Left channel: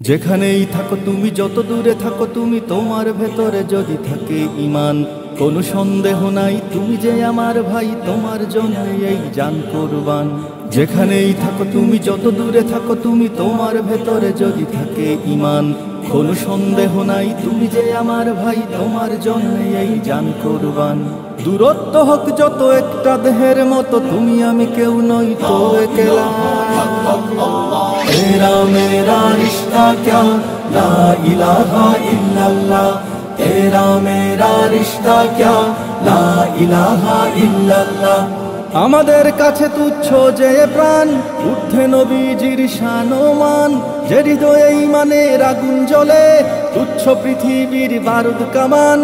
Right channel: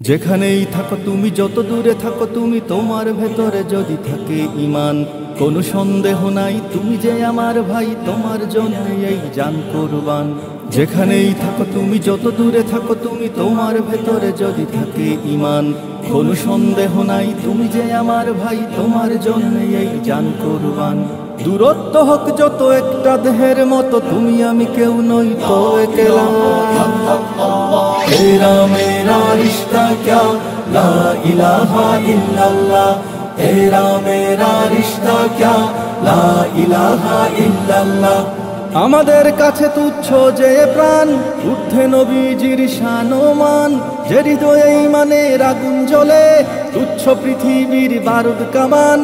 যেখানেই থাকো তুমি, যত দূরে থাকো তুমি, তোমার ভেতরে যদি থাকে ঈমান, কোনো সন্দেহ নাই তুমি যে আমার ভাই, তোমার জন্য এই জান কুরবান। যেখানেই থাকো তুমি, যত দূরে থাকো তুমি, তোমার ভেতরে যদি থাকে ঈমান, কোনো সন্দেহ নাই তুমি যে আমার ভাই, তোমার জন্য এই জান কুরবান। দূরত্ব হোক যত একটা দেহের মতো, তুমি আমি কেউ নই তো একলা। तेरा मेरा रिश्ता क्या ला इलाहा इल्लल्लाह, तेरा मेरा रिश्ता क्या ला इलाहा इल्लल्लाह। আমাদের কাছে তুচ্ছ যে প্রাণ, ঊর্ধ্বে নবীজির শান ও মান, যে হৃদয়ে ঈমানের আগুন জ্বলে, তুচ্ছ পৃথিবীর বারুদ কামান।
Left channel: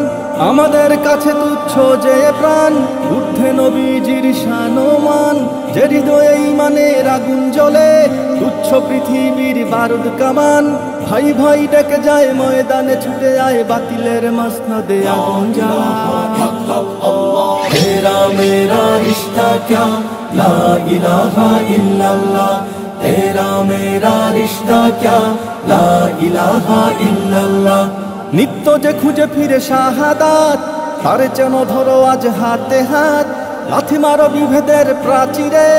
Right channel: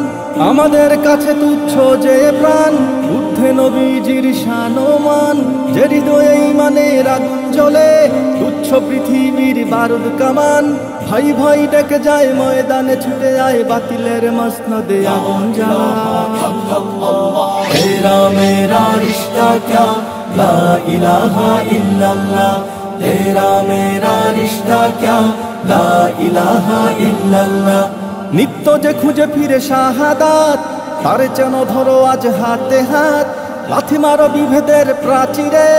আমাদের কাছে তুচ্ছ যে প্রাণ, ঊর্ধ্বে নবীজির শান ও মান, যে হৃদয়ে ঈমানের আগুন জ্বলে, তুচ্ছ পৃথিবীর বারুদ কামান। ভাই ভাই ডেকে যায় ময়দানে, ছুটে যায় বাতিলের মসনদে আগুন জ্বালা। तेरा मेरा रिश्ता क्या ला इलाहा इल्लल्लाह, तेरा मेरा रिश्ता क्या ला इलाहा इल्लल्लाह। নিত্য যে খুঁজে ফিরে শাহাদাত, তারে যেন ধরো আজ হাতে হাত। লাথি মারো বিভেদের প্রাচীরে,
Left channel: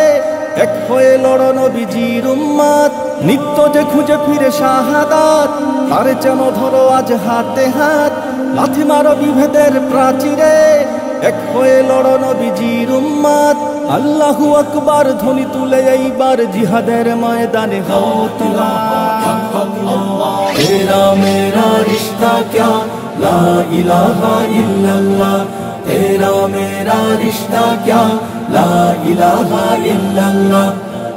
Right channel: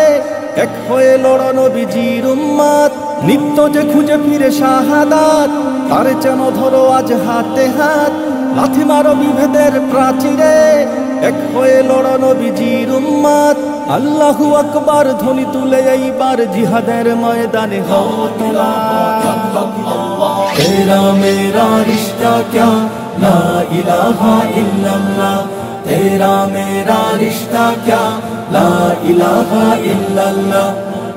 এক হয়ে লড়ো নবীজির উম্মত। নিত্য যে খুঁজে ফিরে শাহাদাত, তারে যেন ধরো আজ হাতে হাত। লাথি মারো বিভেদের প্রাচীরে, এক হয়ে লড়ো নবীজির উম্মত। আল্লাহু আকবার ধ্বনি তুলে এইবার জিহাদের ময়দানে হও তোলা। तेरा मेरा रिश्ता क्या ला इलाहा इल्लल्लाह, तेरा मेरा रिश्ता क्या ला इलाहा इल्लल्लाह।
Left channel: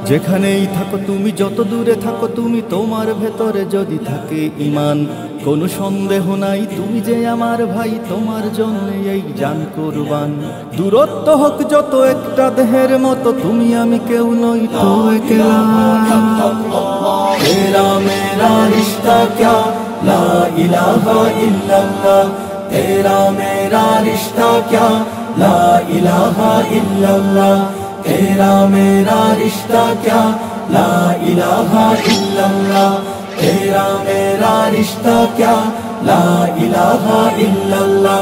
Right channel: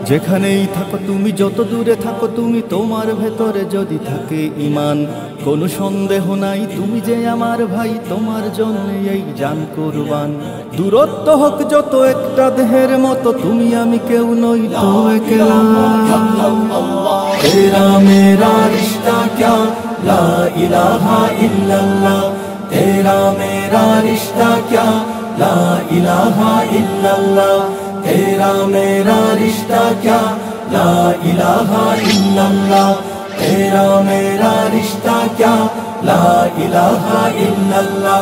যেখানেই থাকো তুমি, যত দূরে থাকো তুমি, তোমার ভেতরে যদি থাকে ঈমান, কোনো সন্দেহ নাই তুমি যে আমার ভাই, তোমার জন্য এই জান কুরবান। দূরত্ব হোক যত একটা দেহের মতো, তুমি আমি কেউ নই তো একলা। तेरा मेरा रिश्ता क्या ला इलाहा इल्लल्लाह, तेरा मेरा रिश्ता क्या ला इलाहा इल्लल्लाह, तेरा मेरा रिश्ता क्या ला इलाहा इल्लल्लाह, तेरा मेरा रिश्ता क्या ला इलाहा इल्लल्लाह।